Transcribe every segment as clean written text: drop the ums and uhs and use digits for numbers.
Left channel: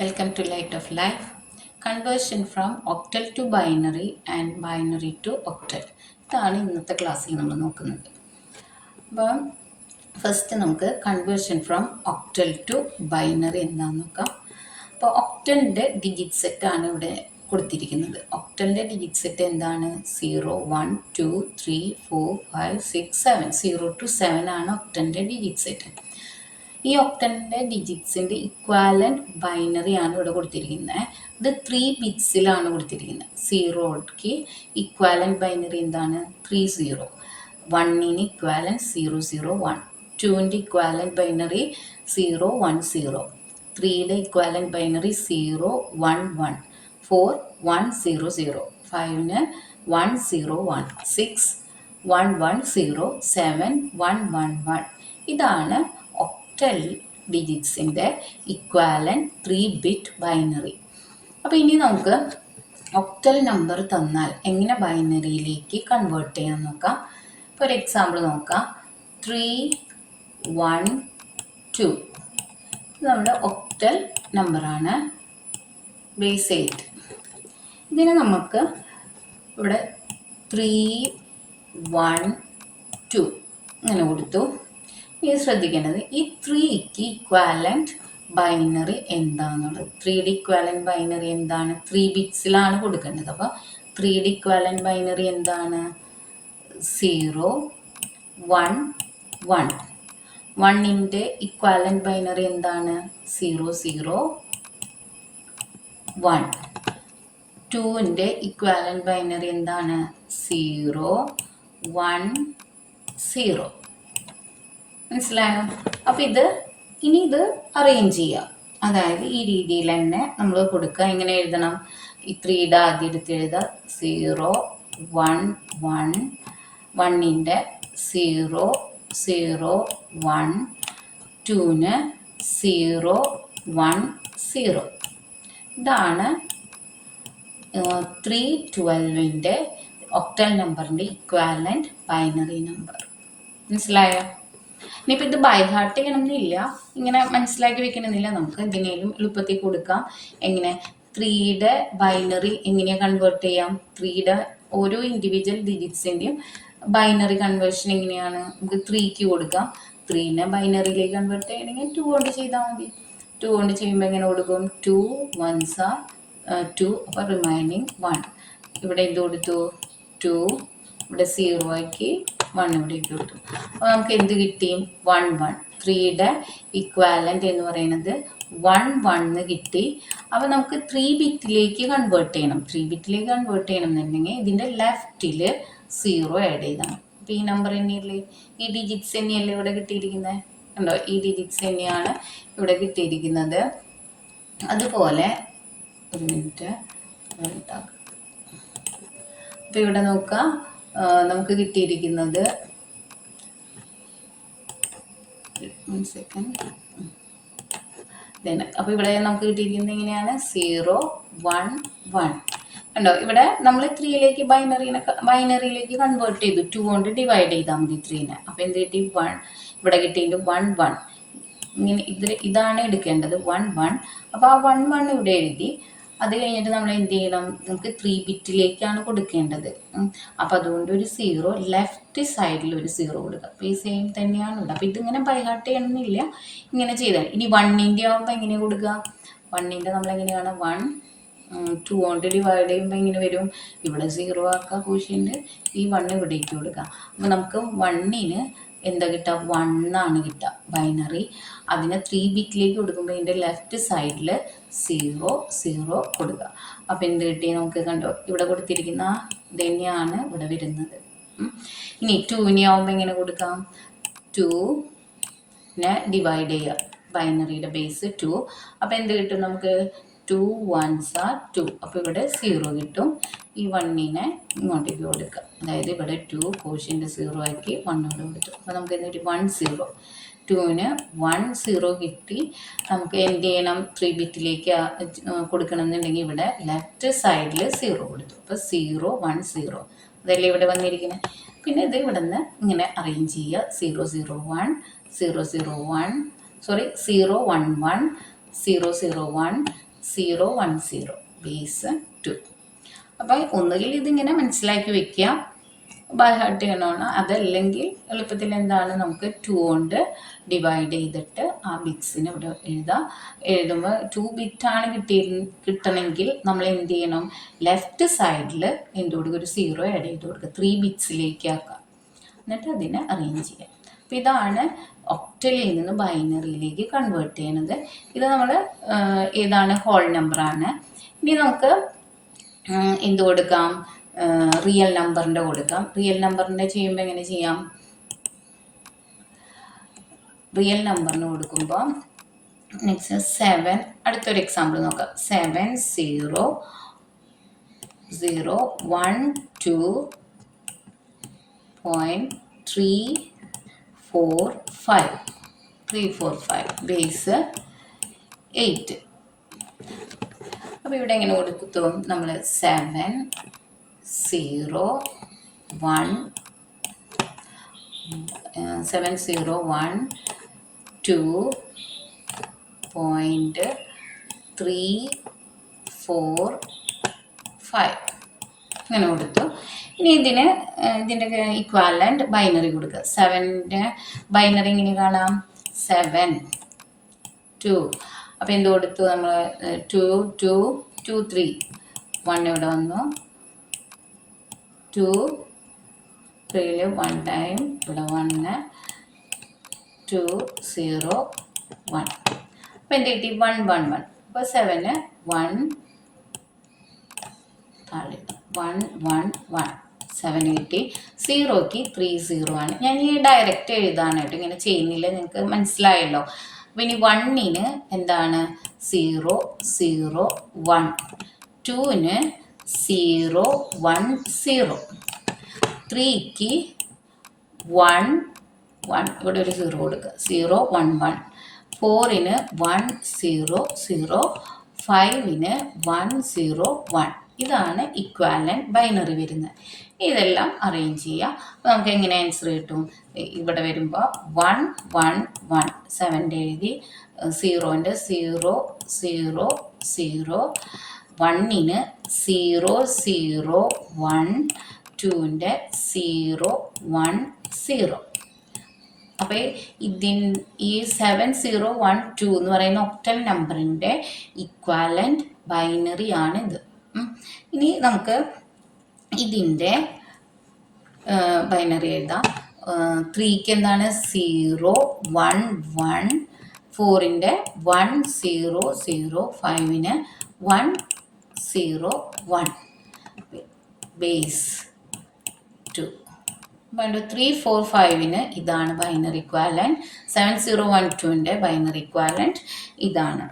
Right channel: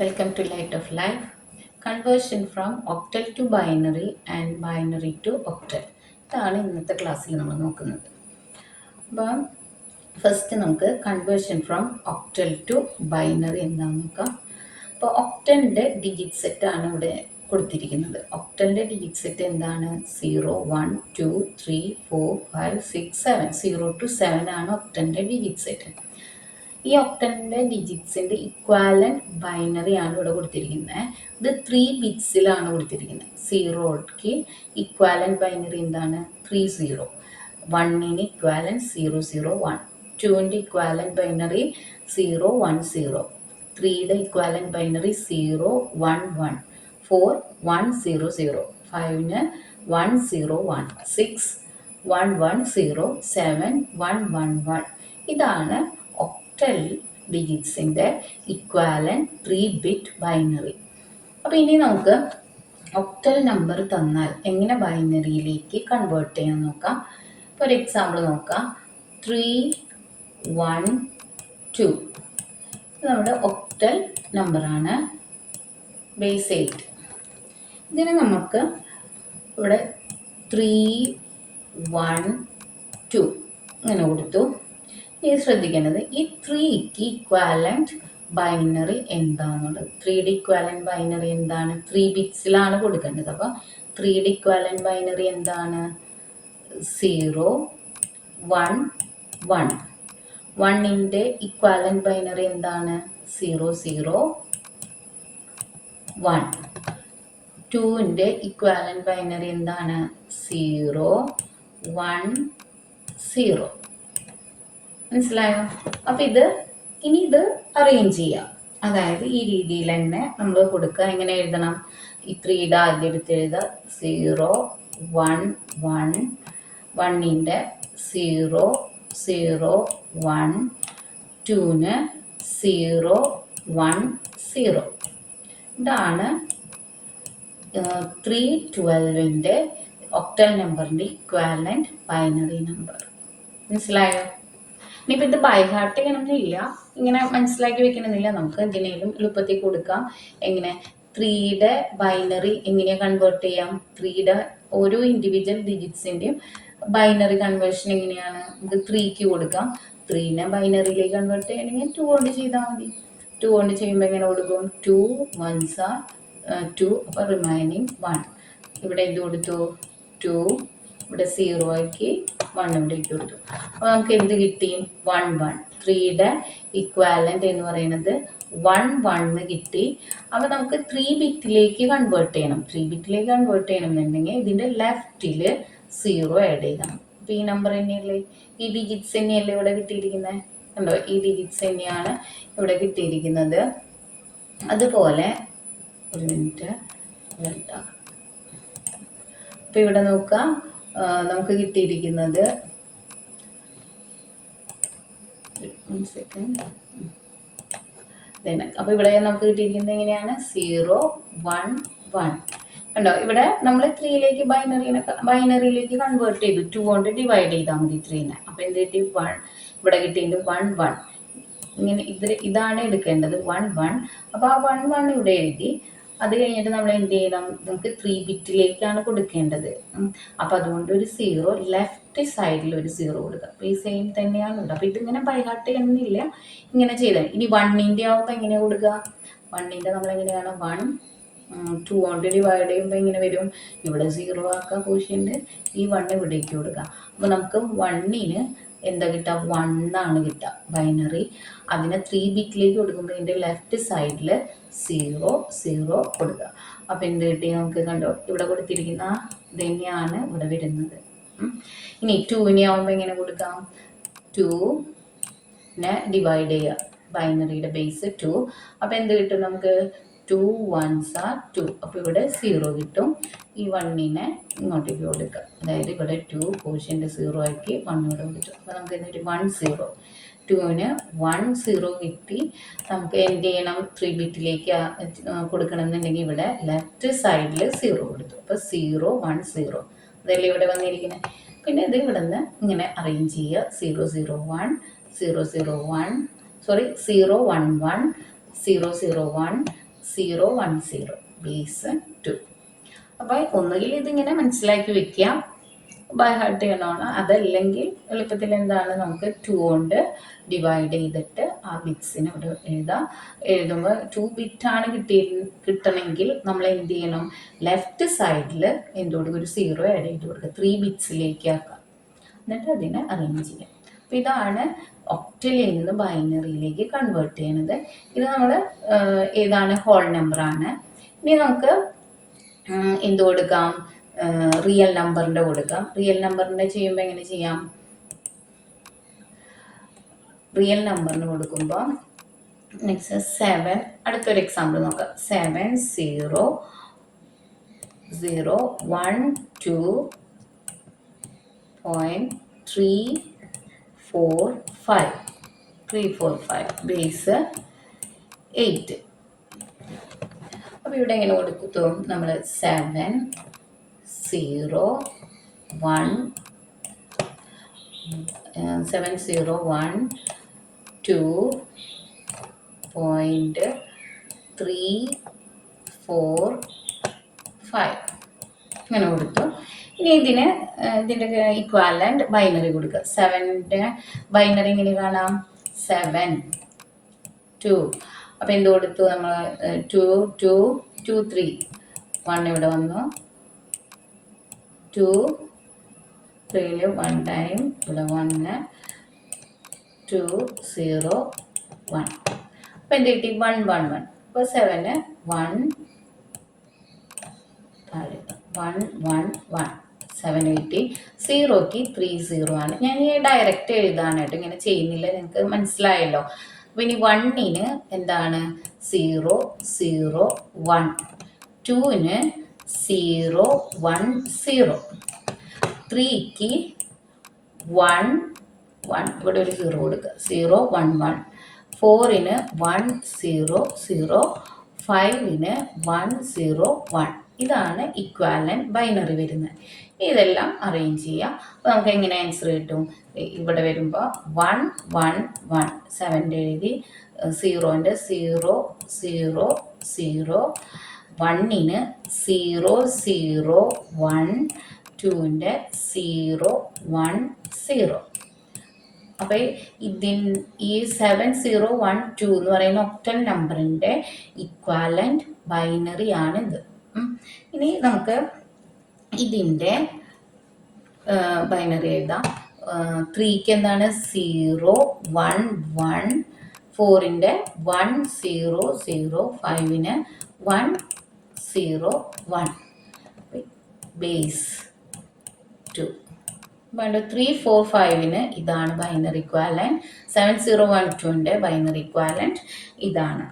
Welcome to Light of Life. Conversion from octal to binary and binary to octal. ഇതാണ് ഇന്നത്തെ ക്ലാസ്സിൽ നമ്മൾ നോക്കുന്നത്. അപ്പോൾ ഫസ്റ്റ് നമുക്ക് conversion from octal to binary എന്താണെന്ന് നോക്കാം. അപ്പോൾ ഒക്ടലിൻ്റെ ഡിജിറ്റ് സെറ്റാണ് ഇവിടെ കൊടുത്തിരിക്കുന്നത്. ഒക്ടലിൻ്റെ ഡിജിറ്റ് സെറ്റ് എന്താണ്? 0 1 2 3 4 5 6 7 0 to 7 ആണ് ഒക്ടലിൻ്റെ ഡിജിറ്റ് സെറ്റ്. ഈ ഒക്ടലിൻ്റെ ഡിജിറ്റ്സിൻ്റെ ഇക്വാലൻറ്റ് ബൈനറി ആണ് ഇവിടെ കൊടുത്തിരിക്കുന്നത്. ഇത് 3 ബിറ്റ്സിലാണ് കൊടുത്തിരിക്കുന്നത്. 0ക്ക് ഇക്വാലൻറ്റ് ബൈനറി എന്താണ്? 30. 1ന് ഇക്വാലൻറ്റ് 001. 2ൻ്റെ ഇക്വാലൻറ്റ് ബൈനറി 010. 3യുടെ ഇക്വാലൻറ്റ് ബൈനറി 011. 4 100. 5ന് 101. 6 110. 7 111. ഇതാണ് ഒക്ടൽ ഡിജിറ്റ്സിൻ്റെ ഇക്വാലൻറ്റ് 3 ബിറ്റ് ബൈനറി. അപ്പോൾ ഇനി നമുക്ക് ഒക്ടൽ നമ്പർ തന്നാൽ എങ്ങനെ ബൈനറിയിലേക്ക് കൺവേർട്ട് ചെയ്യാൻ നോക്കാം. ഇപ്പോൾ ഒരു എക്സാമ്പിൾ നോക്കാം. 312 നമ്മുടെ ഒക്ടൽ നമ്പറാണ്. ബേസ് 8. ഇതിന് നമുക്ക് ഇവിടെ 312 ഇങ്ങനെ കൊടുത്തു. ഇനി ശ്രദ്ധിക്കേണ്ടത് ഈ 3ക്ക് ഇക്വാലൻറ്റ് ബൈനറി എന്താണെന്നുള്ളത്. 3യുടെ ഇക്വാലൻറ്റ് ബൈനറി എന്താണ്? 3 ബിറ്റ്സിലാണ് കൊടുക്കേണ്ടത്. അപ്പോൾ 3യുടെ ഇക്വാലൻറ്റ് ബൈനറി എന്താണ്? 0 1 1. 1ൻ്റെ ഇക്വാലൻറ്റ് ബൈനറി എന്താണ്? 0 1. 2ൻ്റെ ഇക്വാലൻറ്റ് ബൈനറി എന്താണ്? 0 1 0. മനസ്സിലായോ? അപ്പോൾ ഇനി ഇത് അറേഞ്ച് ചെയ്യുക. അതായത് ഈ രീതിയിൽ തന്നെ നമ്മൾ കൊടുക്കുക. എങ്ങനെ എഴുതണം? ഈ 3യുടെ ആദ്യം എടുത്ത് എഴുതുക. 0 1 1. 1ൻ്റെ 0 0 1. 2ന് 0 1 0. ഇതാണ് 312ൻ്റെ ഒക്ടൽ നമ്പറിൻ്റെ ഇക്വാലൻറ്റ് ബൈനറി നമ്പർ. മനസ്സിലായോ? ഇനിയിപ്പോൾ ഇത് ബൈ ഹാർട്ട് ചെയ്യണമെന്നില്ല, ഇങ്ങനെ മനസ്സിലാക്കി വെക്കണമെന്നില്ല. നമുക്ക് എന്തിനേലും എളുപ്പത്തിൽ കൊടുക്കാം. എങ്ങനെ 3യുടെ ബൈനറി എങ്ങനെയാണ് കൺവേർട്ട് ചെയ്യാം? 3യുടെ ഓരോ ഇൻഡിവിജ്വൽ ഡിജിറ്റ്സിൻ്റെയും ബൈനറി കൺവേർഷൻ എങ്ങനെയാണ്? നമുക്ക് 3ക്ക് കൊടുക്കാം. 3നെ ബൈനറിയിലേക്ക് കൺവേർട്ട് ചെയ്യണമെങ്കിൽ 2 കൊണ്ട് ചെയ്താൽ മതി. 2 കൊണ്ട് ചെയ്യുമ്പോൾ എങ്ങനെ കൊടുക്കും? 2 1s are 2. അപ്പോൾ റിമൈനിങ് 1. ഇവിടെ എന്ത് കൊടുത്തു? 2. ഇവിടെ 0 ആക്കി 1 ഇവിടേക്ക് കൊടുത്തു. അപ്പോൾ നമുക്ക് എന്ത് കിട്ടി? 1 1. 3യുടെ ഇക്വാലൻ്റ് എന്ന് പറയുന്നത് 1 1 കിട്ടി. അപ്പോൾ നമുക്ക് 3 ബിറ്റിലേക്ക് കൺവേർട്ട് ചെയ്യണം. 3 ബിറ്റിലേക്ക് കൺവേർട്ട് ചെയ്യണം എന്നുണ്ടെങ്കിൽ ഇതിൻ്റെ ലെഫ്റ്റിൽ 0 ആഡ് ചെയ്യണം. അപ്പോൾ ഈ നമ്പർ തന്നെയല്ലേ, ഈ ഡിജിറ്റ്സ് തന്നെയല്ലേ ഇവിടെ കിട്ടിയിരിക്കുന്നത്? കണ്ടോ? ഈ ഡിജിറ്റ്സ് തന്നെയാണ് ഇവിടെ കിട്ടിയിരിക്കുന്നത്. അതുപോലെ ഒരു മിനിറ്റ് ഉണ്ടാക്കാം. അപ്പോൾ ഇവിടെ നോക്കാം, നമുക്ക് കിട്ടിയിരിക്കുന്നത് അപ്പോൾ ഇവിടെ നമുക്ക് കിട്ടിയിരിക്കുന്നത് എങ്ങനെയാണ്? 0 1 1. കണ്ടോ? ഇവിടെ നമ്മൾ 3യിലേക്ക് ബൈനറിയിലേക്ക് കൺവേർട്ട് ചെയ്തു. 2 കൊണ്ട് ഡിവൈഡ് ചെയ്താൽ മതി 3നെ. അപ്പോൾ എന്ത് കിട്ടി? 1. ഇവിടെ കിട്ടിയിട്ട് 1 1. ഇങ്ങനെ ഇതാണ് എടുക്കേണ്ടത്, 1 1. അപ്പോൾ ആ 1 1 ഇവിടെ എഴുതി. അത് കഴിഞ്ഞിട്ട് നമ്മൾ എന്ത് ചെയ്യണം? നമുക്ക് 3 ബിറ്റിലേക്കാണ് കൊടുക്കേണ്ടത്. അപ്പോൾ അതുകൊണ്ട് ഒരു 0 ലെഫ്റ്റ് സൈഡിൽ ഒരു 0 കൊടുക്കുക. അപ്പോൾ ഈ സെയിം തന്നെയാണ് ഇവിടെ. അപ്പോൾ ഇതിങ്ങനെ ബൈഹാർട്ട് ചെയ്യണമെന്നില്ല, ഇങ്ങനെ ചെയ്താൽ. ഇനി 1ൻ്റെ ആകുമ്പോൾ എങ്ങനെ കൊടുക്കുക? 1ൻ്റെ നമ്മളെങ്ങനെയാണ്? 1 2 കൊണ്ട് ഡിവൈഡ് ചെയ്യുമ്പോൾ എങ്ങനെ വരും? ഇവിടെ 0 ആക്കുക കോഷ്യൻ്റ്. ഈ 1 ഇവിടേക്ക് കൊടുക്കുക. അപ്പോൾ നമുക്ക് 1ന് എന്താ കിട്ടുക? 1 ആണ് കിട്ടുക ബൈനറി. അതിനെ 3 ബിറ്റിലേക്ക് കൊടുക്കുമ്പോൾ ഇതിൻ്റെ ലെഫ്റ്റ് സൈഡിൽ 0 0 കൊടുക്കുക. അപ്പോൾ എന്ത് കിട്ടി? നമുക്ക് കണ്ടോ? ഇവിടെ കൊടുത്തിരിക്കുന്ന ഇത് തന്നെയാണ് ഇവിടെ വരുന്നത്. ഇനി 2നെ ആകുമ്പോൾ എങ്ങനെ കൊടുക്കാം? 2നെ ഡിവൈഡ് ചെയ്യുക. ബൈനറിയുടെ ബേസ് 2. അപ്പോൾ എന്ത് കിട്ടും നമുക്ക്? 2 1s are 2. അപ്പോൾ ഇവിടെ 0 കിട്ടും. ഈ 1നെ ഇങ്ങോട്ടേക്ക് കൊടുക്കുക. അതായത് ഇവിടെ 2 കോഷ്യൻ്റ് 0 ആക്കി 1 ഇവിടെ കൊടുത്തു. അപ്പോൾ നമുക്ക് എന്നിട്ട് 1 0. 2ന് 1 0 കിട്ടി. നമുക്ക് എന്ത് ചെയ്യണം? 3 ബിറ്റിലേക്ക് കൊടുക്കണം എന്നുണ്ടെങ്കിൽ ഇവിടെ ലെഫ്റ്റ് സൈഡിൽ 0 കൊടുത്തു. അപ്പോൾ 0 1 0. അതല്ലേ ഇവിടെ വന്നിരിക്കുന്നത്. പിന്നെ ഇത് ഇവിടെ നിന്ന് ഇങ്ങനെ അറേഞ്ച് ചെയ്യുക. 0 0 1 0 0 1 0 1 1 0 0 1 010 ബേസ് 2. അപ്പോൾ ഒന്നുകിൽ ഇതിങ്ങനെ മനസ്സിലാക്കി വെക്കുക, ബൈ ഹാർട്ട് ചെയ്യണമാണ്. അതല്ലെങ്കിൽ എളുപ്പത്തിൽ എന്താണ്, നമുക്ക് 2 കൊണ്ട് ഡിവൈഡ് ചെയ്തിട്ട് ആ ബിറ്റ്സിന് ഇവിടെ എഴുതാം. എഴുതുമ്പോൾ 2 ബിറ്റാണ് കിട്ടണമെങ്കിൽ നമ്മൾ എന്ത് ചെയ്യണം, ലെഫ്റ്റ് സൈഡിൽ എന്തുകൊടുക്കുക, ഒരു 0 ആഡ് ചെയ്ത് കൊടുക്കുക, 3 ബിറ്റ്സിലേക്ക് ആക്കാം. എന്നിട്ട് അതിനെ അറേഞ്ച് ചെയ്യാം. അപ്പോൾ ഇതാണ് ഒക്ടലിൽ നിന്ന് ബൈനറിയിലേക്ക് കൺവേർട്ട് ചെയ്യണത്. ഇത് നമ്മൾ ഏതാണ്, ഹോൾ നമ്പറാണ്. ഇനി നമുക്ക് എന്ത് കൊടുക്കാം, റിയൽ നമ്പറിൻ്റെ കൊടുക്കാം. റിയൽ നമ്പറിൻ്റെ ചെയ്യുമ്പോൾ എങ്ങനെ ചെയ്യാം, റിയൽ നമ്പറിന് കൊടുക്കുമ്പോൾ നെക്സ്റ്റ് 7, അടുത്തൊരു എക്സാമ്പിൾ നോക്കാം. 7 0 0 1 2.345 ബേസ് 8. അപ്പോൾ ഇവിടെ എങ്ങനെ കൊടുത്തു, നമ്മൾ 7 0 1 2.345 ഇങ്ങനെ കൊടുത്തു. ഇനി ഇതിൻ്റെ ഇക്വാലൻ്റ് ബൈനറി കൊടുക്കുക. 7ൻ്റെ ബൈനറി ഇങ്ങനെ കാണാം, 7 2. അപ്പോൾ എന്ത് കൊടുത്തു, നമ്മൾ 2 2 2 3 1 ഇവിടെ വന്നു, 2 3 1 ടൈം ഇവിടെ 1 2 0 1. അപ്പോൾ എന്ത് കിട്ടി, 1 1 1. അപ്പോൾ 7 1 1 1 1 7 80. 0ക്ക് 3 0 ആണ്. ഞാൻ ഈ ഡയറക്റ്റ് എഴുതാണ് കേട്ടോ, ഇങ്ങനെ ചെയ്യുന്നില്ല, നിങ്ങൾക്ക് മനസ്സിലായല്ലോ. അപ്പോൾ ഇനി 1ന് എന്താണ്, 0 0 1. 2ന് 0 1 0. 3ക്ക് 1 1, ഇവിടെ ഒരു 0 കൊടുക്കുക, 0 1 1. 4ന് 1 0 0. 5ന് 1 0 1. ഇതാണ് ഇക്വാലൻ്റ് ബൈനറി വരുന്നത്. ഇതെല്ലാം അറേഞ്ച് ചെയ്യുക. അപ്പോൾ നമുക്ക് എങ്ങനെ ആൻസർ കിട്ടും, ഇവിടെ വരുമ്പോൾ 1 1 1 7ൻ്റെ എഴുതി, 0ൻ്റെ 0 0 0, 1ന് 0 0 1, 2ൻ്റെ 0 1 0. അപ്പോൾ ഈ 7 0 1 2 എന്ന് പറയുന്ന ഒക്ടൽ നമ്പറിൻ്റെ ഇക്വാലൻ്റ് ബൈനറി ആണിത്. ഇനി നമുക്ക് ഇതിൻ്റെ ബൈനറി എഴുതാം. 3ക്ക് എന്താണ്, 0 1 1. 4ൻ്റെ 1 0 0. 5ന് 1 0 1 ബേസ് 2. വേണ്ട 3 4 5ന് ഇതാണ് ബൈനറി ഇക്വാലൻ്റ്. 7 0 1 2ൻ്റെ ബൈനറി ഇക്വാലൻ്റ് ഇതാണ്.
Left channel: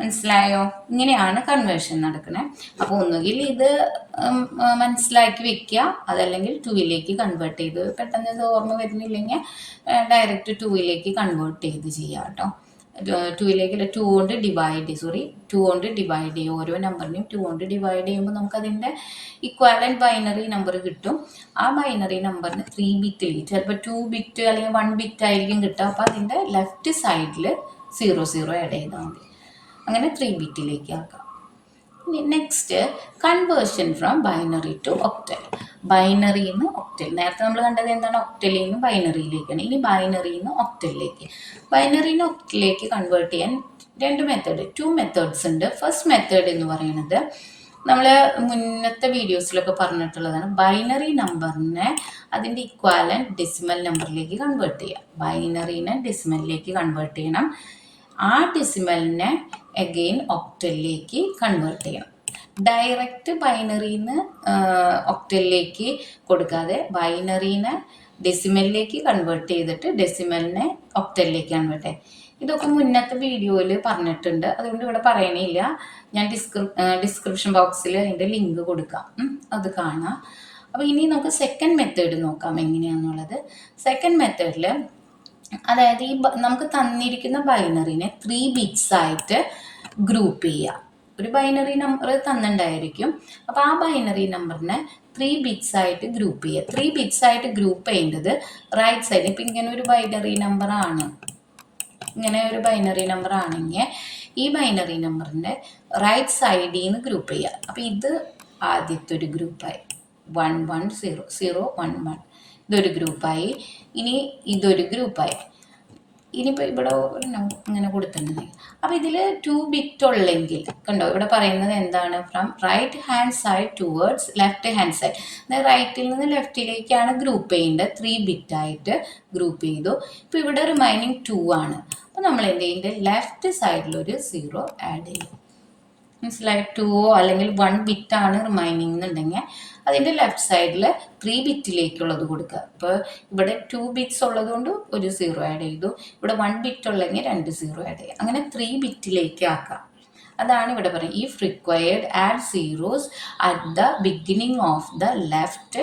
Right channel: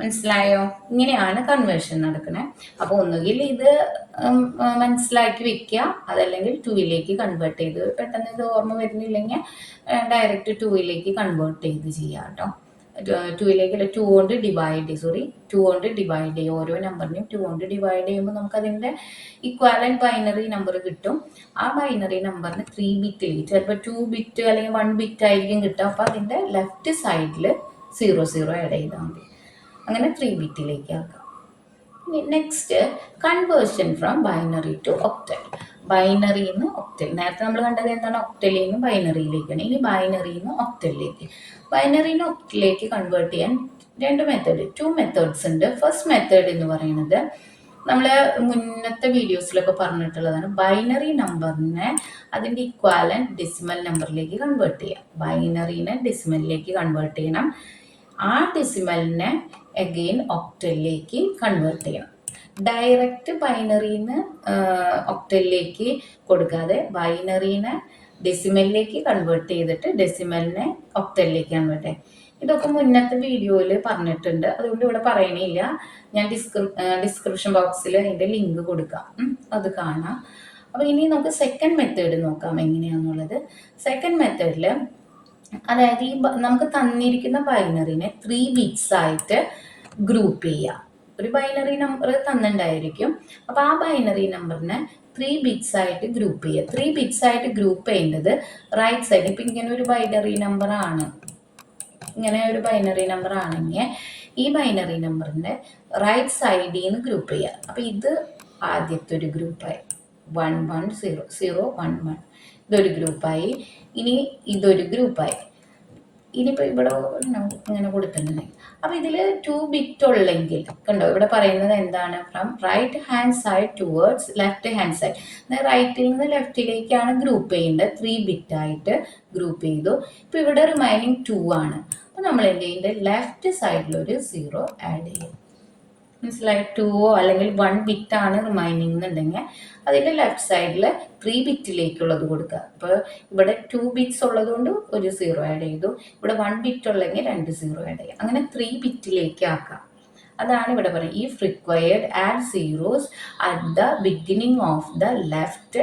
മനസ്സിലായോ? ഇങ്ങനെയാണ് കൺവേർഷൻ നടക്കുന്നത്. അപ്പോൾ ഒന്നുകിൽ ഇത് മനസ്സിലാക്കി വെക്കുക, അതല്ലെങ്കിൽ 2ലേക്ക് കൺവേർട്ട് ചെയ്ത്, പെട്ടെന്ന് ഇത് ഓർമ്മ വരുന്നില്ലെങ്കിൽ ഡയറക്റ്റ് 2ലേക്ക് കൺവേർട്ട് ചെയ്ത് ചെയ്യാം കേട്ടോ. 2ലേക്ക് 2 കൊണ്ട് ഡിവൈഡ് ചെയ്യും. ഓരോ നമ്പറിനെയും 2 കൊണ്ട് ഡിവൈഡ് ചെയ്യുമ്പോൾ നമുക്കതിൻ്റെ ഇക്വാലൻ്റ് ബൈനറി നമ്പർ കിട്ടും. ആ ബൈനറി നമ്പറിന് 3 ബിറ്റിൽ, ചിലപ്പോൾ 2 ബിറ്റ് അല്ലെങ്കിൽ 1 ബിറ്റ് ആയിരിക്കും കിട്ടുക. അപ്പോൾ അതിൻ്റെ ലെഫ്റ്റ് സൈഡിൽ 0 0 ആഡ് ചെയ്താൽ മതി. അങ്ങനെ 3 ബിറ്റിലേക്ക് ആക്കാം. Next conversion from binary to octal. ബൈനറിയിൽ നിന്ന് ഒക്ടൽ, നേരത്തെ നമ്മൾ കണ്ടത് എന്താണ്, ഒക്ടലിൽ നിന്ന് ബൈനറിയിലേക്കാണ്. ഇനി ബൈനറിയിൽ നിന്ന് ഒക്ടലിലേക്ക്. ബൈനറിയിൽ നിന്ന് ഒക്ടലിലേക്ക് കൺവേർട്ട് ചെയ്യാൻ 2 മെത്തേഡ്സ് ഉണ്ട്. ഫസ്റ്റ് മെത്തേഡ് എന്ന് പറയുന്നത് നമ്മൾ മുന്നത്തെ വീഡിയോസിലൊക്കെ പറഞ്ഞിട്ടുള്ളതാണ്. ബൈനറി നമ്പറിനെ അതിൻ്റെ ഇക്വാലൻ്റ് ഡെസിമൽ നമ്പറിലേക്ക് കൺവേർട്ട് ചെയ്യാം. ബൈനറിനെ ഡെസിമലിലേക്ക് കൺവേർട്ട് ചെയ്യണം. ആ ഡെസിമലിനെ അഗെയിൻ ഒക്ടലിലേക്ക് കൺവേർട്ട് ചെയ്യണം. ഡയറക്റ്റ് ബൈനറിന്ന് ഒക്ടലിലേക്ക് കൊടുക്കാതെ ബൈനറിനെ ഡെസിമലിലേക്ക് കൺവേർട്ട് ചെയ്തിട്ട് ഡെസിമലിനെ ഒക്ടലിലേക്ക് കൺവേർട്ട് ചെയ്യും. ഇതൊക്കെ മുന്നത്തെ വീഡിയോയിൽ പറഞ്ഞിട്ടുണ്ട്, അതുകൊണ്ട് ഇവിടെ പറയണില്ല. ഞാൻ ഡിസ്ക്രിപ്ഷൻ ബോക്സിൽ അതിൻ്റെ ലിങ്ക് കൊടുക്കാം, അത് കാണാം. അപ്പോൾ ഇനി നമുക്ക് സെക്കൻഡ് മെത്തേഡ് നോക്കാം എങ്ങനെയാണെന്നുള്ളത്. സെക്കൻഡ് മെത്തേഡിൽ അതായത് നമുക്ക് തന്നിരിക്കുന്ന ബൈനറിനെ 3 ബിറ്റ്സ് ആയിട്ട് ഗ്രൂപ്പ് ചെയ്യാം. ഒരു ബൈനറി നമ്പർ തന്നിട്ടുണ്ടായിരിക്കും. അപ്പോൾ ആ ബൈനറി നമ്പറിനെ 3 ബിറ്റ്സ് ആയിട്ട് ഗ്രൂപ്പ് ചെയ്യുക. 3 ബിറ്റ്സ് ആയിട്ട് ഗ്രൂപ്പ് ചെയ്യേണ്ടത് റൈറ്റ് സൈഡിൽ. ഇപ്പം ഇങ്ങനെ ഒരു ബൈനറി നമ്പർ ആണെങ്കിൽ ഈ ബൈനറി നമ്പറിൻ്റെ റൈറ്റ് സൈഡിൽ നിന്ന് ഗ്രൂപ്പ് ചെയ്യുക. അപ്പോൾ ഇത് ആദ്യത്തെ ഒരു ഗ്രൂപ്പായി 1 1 0 0 1 1, ഇതൊരു ഗ്രൂപ്പായി. ഇനി ഇതൊരു ഗ്രൂപ്പായി. ഇനിയിപ്പോൾ ഇവിടെ ഇങ്ങനെ കൊടുത്തിട്ടുണ്ട്. അപ്പോൾ ഇതിൽ 2 ബിറ്റ് ഉള്ളെങ്കിൽ കണ്ടോ, ഇവിടെ പറയുന്നത് എന്താണ്? From right hand side towards left hand side. റൈറ്റിൽ നിന്ന് ലെഫ്റ്റിലേക്കാണ് ഗ്രൂപ്പ് ചെയ്യേണ്ടത്. 3 ബിറ്റായിട്ട് ഗ്രൂപ്പ് ചെയ്തു. ഇപ്പോൾ ഇവിടെ റിമൈനിങ് 2 ആണ്. അപ്പോൾ നമ്മൾ എന്ത് ചെയ്യുന്നത്? ലെഫ്റ്റ് സൈഡിലൊരു 0 ആഡ് ചെയ്യും. മനസ്സിലായി? 2 അല്ലെങ്കിൽ 1 ബിറ്റാണ് റിമൈനിങ് എന്നുണ്ടെങ്കിൽ അതിൻ്റെ ലെഫ്റ്റ് സൈഡിൽ 3 ബിറ്റിലേക്കുള്ളത് കൊടുക്കുക. അപ്പോൾ ഇവിടെ 2 ബിറ്റ്സ് ഉള്ളതുകൊണ്ട് ഒരു 0 ആഡ് ചെയ്തു. ഇവിടെ 1 ബിറ്റ് ഉള്ളെങ്കിൽ 2 0 ആഡ് ചെയ്യുക. അങ്ങനെ 3 ബിറ്റിലേക്ക് ആക്കാം. അതാണ് ഇവിടെ പറയുന്നത്. If required add zeros at the beginning of the left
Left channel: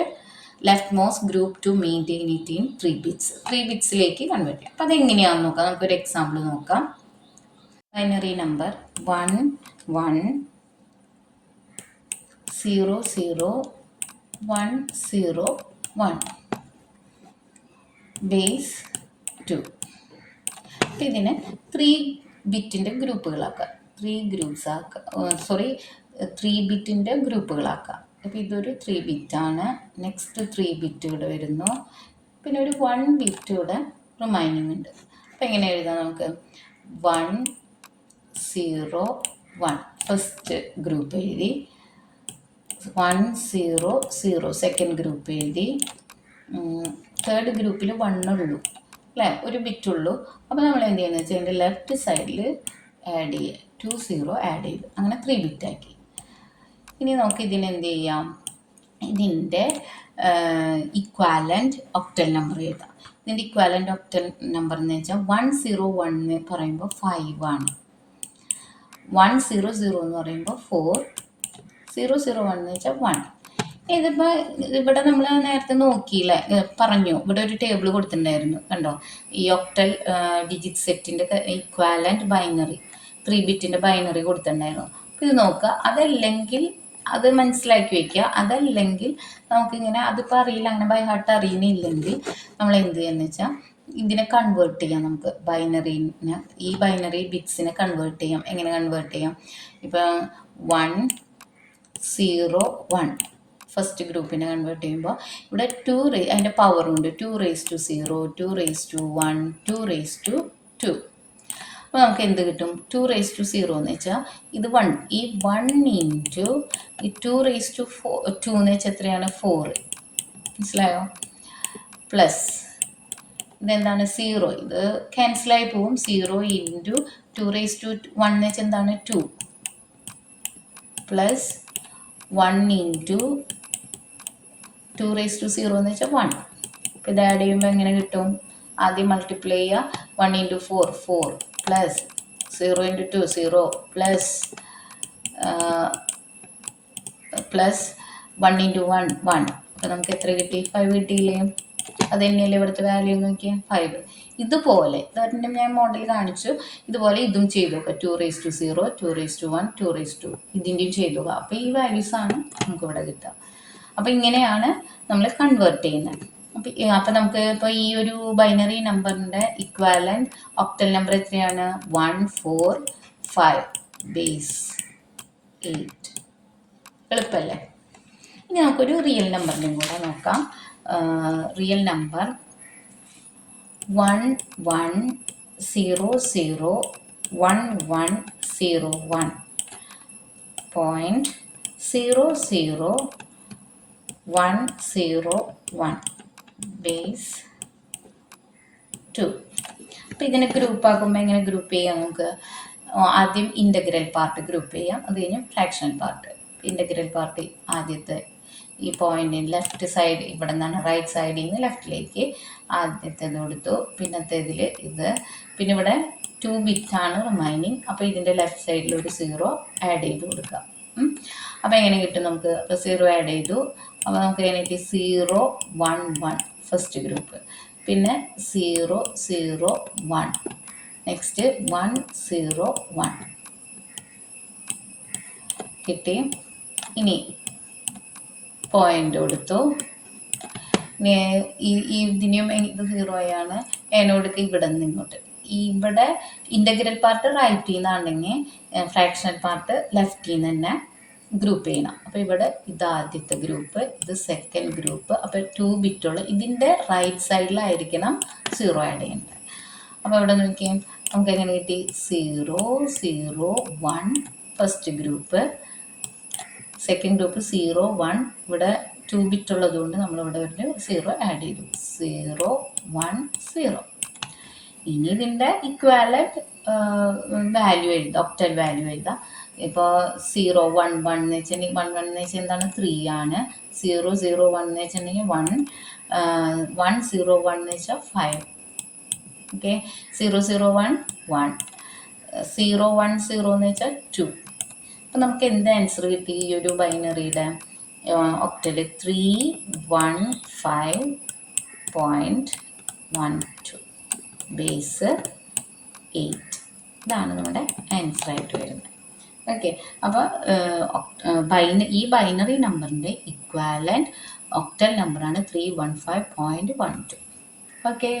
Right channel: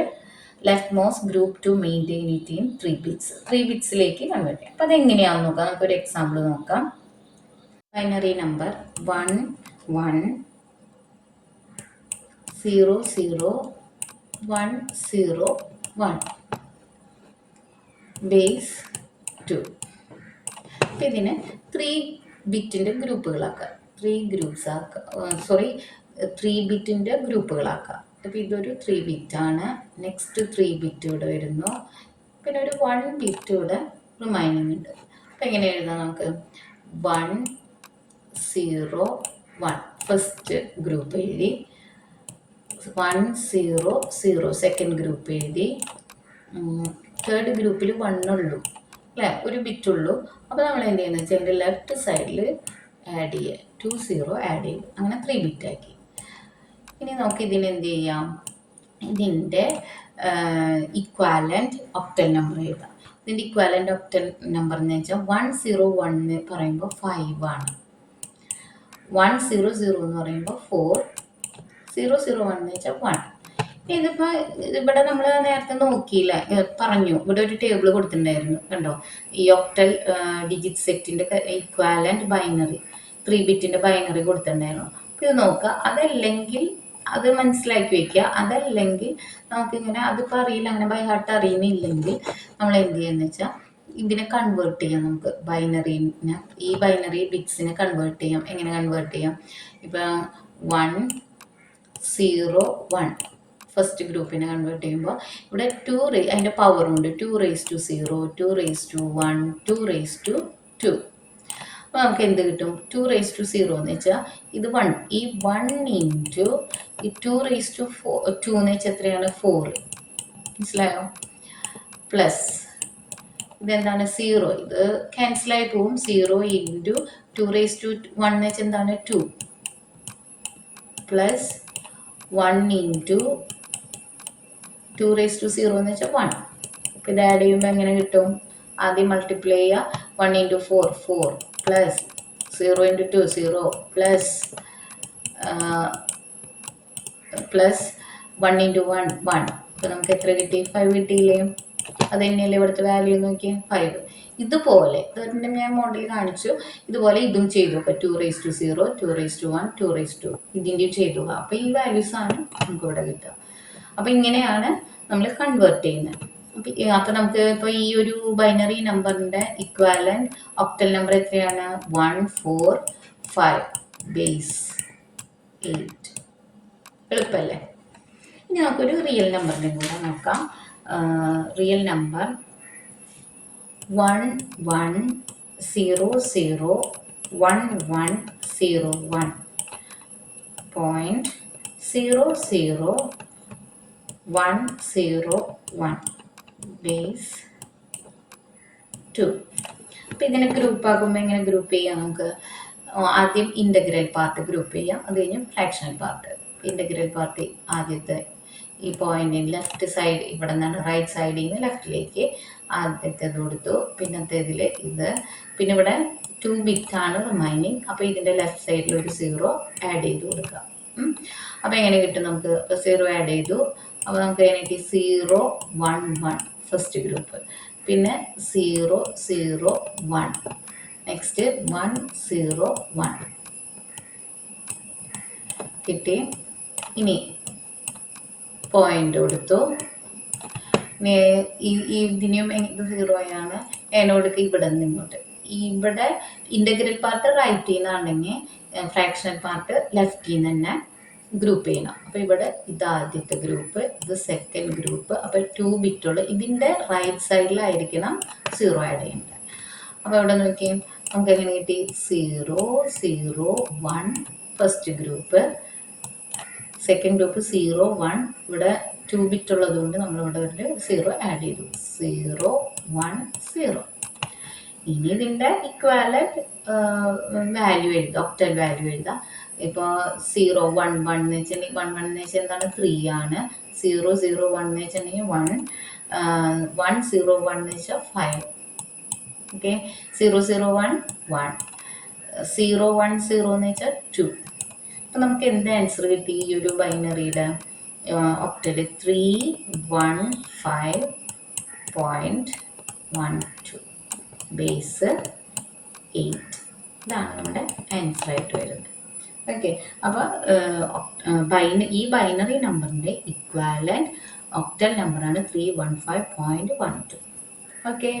most group to maintain it in 3 bits. 3 ബിറ്റ്സിലേക്ക് കൺവേർട്ട് ചെയ്യാം. അപ്പോൾ അതെങ്ങനെയാണെന്ന് നോക്കാം. നമുക്കൊരു എക്സാമ്പിൾ നോക്കാം. Binary number 1 1 0 0 1 0 1 base 2. അപ്പം ഇതിനെ 3 ബിറ്റിൻ്റെ ഗ്രൂപ്പുകളാക്കാം. 3 ബിറ്റിൻ്റെ ഗ്രൂപ്പുകളാക്കാം. അപ്പോൾ ഇതൊരു 3 ബിറ്റാണ്. നെക്സ്റ്റ് 3 ബിറ്റ് ഇവിടെ വരുന്നു. പിന്നെ ഒരു 1 ബിറ്റ് ഇവിടെ റിമൈനിങ് ഉണ്ട്. അപ്പോൾ എങ്ങനെ എഴുതാം നമുക്ക്? 1 0 1 ഫസ്റ്റ് ഗ്രൂപ്പ് എഴുതി. 1 0 0 സെക്കൻഡ് ഗ്രൂപ്പ് എഴുതി. തേർഡ് ഗ്രൂപ്പിൽ 1 ഉള്ളൂ അല്ലേ, ഒരു ബിറ്റ് ഉള്ളൂ. അപ്പോൾ നമ്മൾ എന്ത് ചെയ്യുന്നത് വെച്ചാൽ അതിൻ്റെ ലെഫ്റ്റ് സൈഡിൽ ആഡ് ചെയ്യുക. 2 0 ആഡ് ചെയ്തു. അങ്ങനെ 3 ബിറ്റാക്കി. ഇനി നമുക്ക് ഇതിനെന്ത് ചെയ്യാം? ഇതിൻ്റെ ഇക്വാലൻ്റ് ഒക്ടൽ നമ്പർ എഴുതാം. ഇതിൻ്റെ ഇക്വാലൻ്റ് ഒക്ടൽ നമ്പർ എന്ന് വെച്ചാൽ 101 എന്ന് പറയുമ്പോൾ 5 ആണ്. 100 എന്ന് പറയുമ്പോൾ 4, 001 എന്ന് വെച്ചാൽ 1. ഇതിപ്പോൾ ഇവിടെ നമ്മൾ നേരത്തെ നോക്കിയില്ല, പറഞ്ഞു. ഇവിടെ ഒരു ടേബിൾ കൊടുത്തിട്ടുണ്ടായിരുന്നു കണ്ടോ, ഈ ഒക്ടൽ ഡിജിറ്റ് സെറ്റിൻ്റെ ഇക്വാലൻ്റ് ബൈനറി 3 ബിറ്റിൻ്റെ ബൈനറി കൊടുത്തിട്ടുണ്ടായിരുന്നു. ഇത് നോക്കുക. അതല്ലെങ്കിൽ അത് മനസ്സിലാക്കി വയ്ക്കുക. അതല്ലെങ്കിൽ നമുക്കിങ്ങനെ അതിപ്പോൾ അറിയില്ല, അങ്ങനെ ബൈ ഹാർട്ട് അറിയുന്നില്ലെങ്കിൽ നമ്മൾ എന്ത് ചെയ്യുകയെന്ന് വെച്ചാൽ ഇതിനെ കൺവേർട്ട് ചെയ്യാം. നമുക്ക് ബൈനറിനെ, ഈ ബൈനറി ബിറ്റ്സിനെ കൺവേർട്ട് ചെയ്യാം. എങ്ങനെ കൺവേർട്ട് ചെയ്യാം? ഇപ്പം 1 0 1 ഫസ്റ്റ് ഗ്രൂപ്പിനെ കൺവേർട്ട് ചെയ്യുമ്പോൾ ഇവിടെ 2 അതിൻ്റെ പവറുണ്ട്. 2 raised to 0, 2 raised to 1, 2 raised to 2. അപ്പോൾ നമുക്ക് എന്ത് കിട്ടും? 2 raised to 0 എന്ന് വെച്ചാൽ ഇത് 1. ഈ 1 ഇൻറ്റു ഈ 2 raised to 2 എന്ന് വെച്ചാൽ എത്രയാണ്? 4. മനസ്സിലായോ? പ്ലസ് ഇതെന്താണ്? 0. ഇത് ക്യാൻസലായി പോവും. 0 ഇൻറ്റു 2 raised to 1 എന്ന് വെച്ചാൽ എന്താണ്? 2 പ്ലസ് 1 ഇൻറ്റു 2 raised to 0 എന്ന് വെച്ചാൽ 1. അപ്പോൾ ഇത് ആഡ് ചെയ്യുമ്പോൾ എങ്ങനെ കിട്ടും? ആദ്യം മൾട്ടിപ്ലൈ ചെയ്യുക. 1 into 4 4 plus 0 into 2 0 plus 1 into 1 1. അപ്പോൾ നമുക്ക് എത്ര കിട്ടി? 5 കിട്ടിയില്ലേ? അത് തന്നെയല്ലേ ഇവിടുത്തെ വാല്യൂ നോക്കിയാൽ 5. ഇതുപോലെ ഇതിൻ്റെ ഞാൻ മോഡൽ കാണിച്ചു. ഇതുപോലെ ഇതും ചെയ്തു. അപ്പോൾ 2 raised to 0, 2 raised to 1, 2 raised to ഇതിൻ്റെയും ചെയ്തു. അപ്പോൾ ഈ വാല്യൂസാണ് നമുക്കിവിടെ കിട്ടുക. അപ്പോൾ ഇങ്ങനെയാണ് നമ്മൾ കൺവേർട്ട് ചെയ്യുന്നത്. അപ്പോൾ നമുക്ക് ഇപ്പോൾ ഈ ഒരു ബൈനറി നമ്പറിൻ്റെ ഇക്വാലൻ്റ് ഒക്ടൽ നമ്പർ എത്രയാണ്? 145 ബേസ് 8. എളുപ്പമല്ലേ? ഇനി നമുക്കൊരു റിയൽ നമ്പറിൻ്റെ കൂടെ നോക്കാം. Real number 1100110101 base 2. അപ്പോൾ ഇതിനെ ഗ്രൂപ്പ് ആക്കുമ്പോൾ എങ്ങനെ ഗ്രൂപ്പ് ചെയ്യാം? നമുക്ക് ആദ്യം ഇൻ്റഗ്രൽ പാർട്ട് ഗ്രൂപ്പ് ചെയ്യാം. അത് കഴിഞ്ഞ് ഫ്രാക്ഷണൽ പാർട്ട്. ഇൻ്റഗ്രൽ പാർട്ട് ആദ്യത്തെ ഈ പോയിൻറ്റിന് ലെഫ്റ്റ് സൈഡ്, ഇവിടെ നിന്നാണ് റൈറ്റ് സൈഡിൽ നിന്ന് ലെഫ്റ്റിലേക്ക് ആദ്യത്തേത് കൊടുത്തു. പിന്നത്തേതിൽ ഇത്. പിന്നെ ഇവിടെ 2 ബിറ്റാണ് റിമൈനിങ്. അപ്പോൾ ഇതിൻ്റെ ലെഫ്റ്റ് സൈഡിൽ ഒരു 0 ആഡ് ചെയ്ത് കൊടുക്കാം. അപ്പോൾ എങ്ങനെ കിട്ടും? നമുക്ക് 0 ആഡ് ചെയ്തു. അപ്പോൾ നമുക്ക് അതിനായിട്ട് 0 1 1 ഫസ്റ്റ് ഗ്രൂപ്പ്. പിന്നെ 0 0 1 നെക്സ്റ്റ് 1 0 1 കിട്ടി. ഇനി പോയിൻ്റ് കൊടുത്തു. ഇതിനെയും ഇത് 0 ആണ്. എന്നോട് ഇവിടെ നിന്ന് ഇങ്ങോട്ട് ഇവിടെ ഇൻ്റഗ്രൽ പാർട്ട് റൈറ്റിൽ നിന്നാണെങ്കിൽ ഫ്രാക്ഷണൽ പാർട്ട് ലെഫ്റ്റിൽ നിന്ന് തന്നെ ഗ്രൂപ്പ് ചെയ്യണം. അപ്പോൾ ഇവിടെ ഇത് ആദ്യത്തെ ഗ്രൂപ്പ്, ഇത് സെക്കൻഡ് ഗ്രൂപ്പ്. അപ്പോൾ 2 ബിറ്റുള്ള ഇതിൻ്റെ റൈറ്റ് സൈഡിലായിരിക്കണം 0 ആഡ് ചെയ്യേണ്ടത്. അപ്പോൾ ഇവിടെ നോക്കി നമുക്ക് എങ്ങനെ കിട്ടി? 0 0 1 ഫസ്റ്റ് ഗ്രൂപ്പ്, സെക്കൻഡ് ഗ്രൂപ്പ് 0 1. ഇവിടെ 2 ബിറ്റ് ഉള്ളതുകൊണ്ട് നമ്മളിവിടെ ഒരു 0 ആഡ് ചെയ്തു. 0 1 0. ഇനി ഇതിൻ്റെ ഇക്വാലൻറ്റ് വാല്യൂ എഴുതാം, ഒക്ടൽ വാല്യൂ എഴുതാം. ഇപ്പോൾ 0 1 1 എന്ന് വെച്ചിട്ടുണ്ടെങ്കിൽ 1 1 എന്ന് വെച്ചാൽ എന്താണ്? 3 ആണ്. 0 0 1 എന്ന് വെച്ചിട്ടുണ്ടെങ്കിൽ 1 1 0 1 എന്ന് വെച്ചാൽ 5. ഓക്കെ, 0 0 1 1 0 1 0 എന്ന് വെച്ചാൽ 2. അപ്പോൾ നമുക്ക് എന്ത് ആൻസർ കിട്ടി ഈ ഒരു ബൈനറിയുടെ ഒക്ടൽ? 315.12 ബേസ് 8. ഇതാണ് നമ്മുടെ ആൻസർ ആയിട്ട് വരുന്നത്. ഓക്കെ, അപ്പോൾ ഈ ബൈനറി നമ്പറിൻ്റെ ഇക്വാലൻറ്റ് ഒക്ടൽ നമ്പറാണ് 315.12. ഓക്കെ.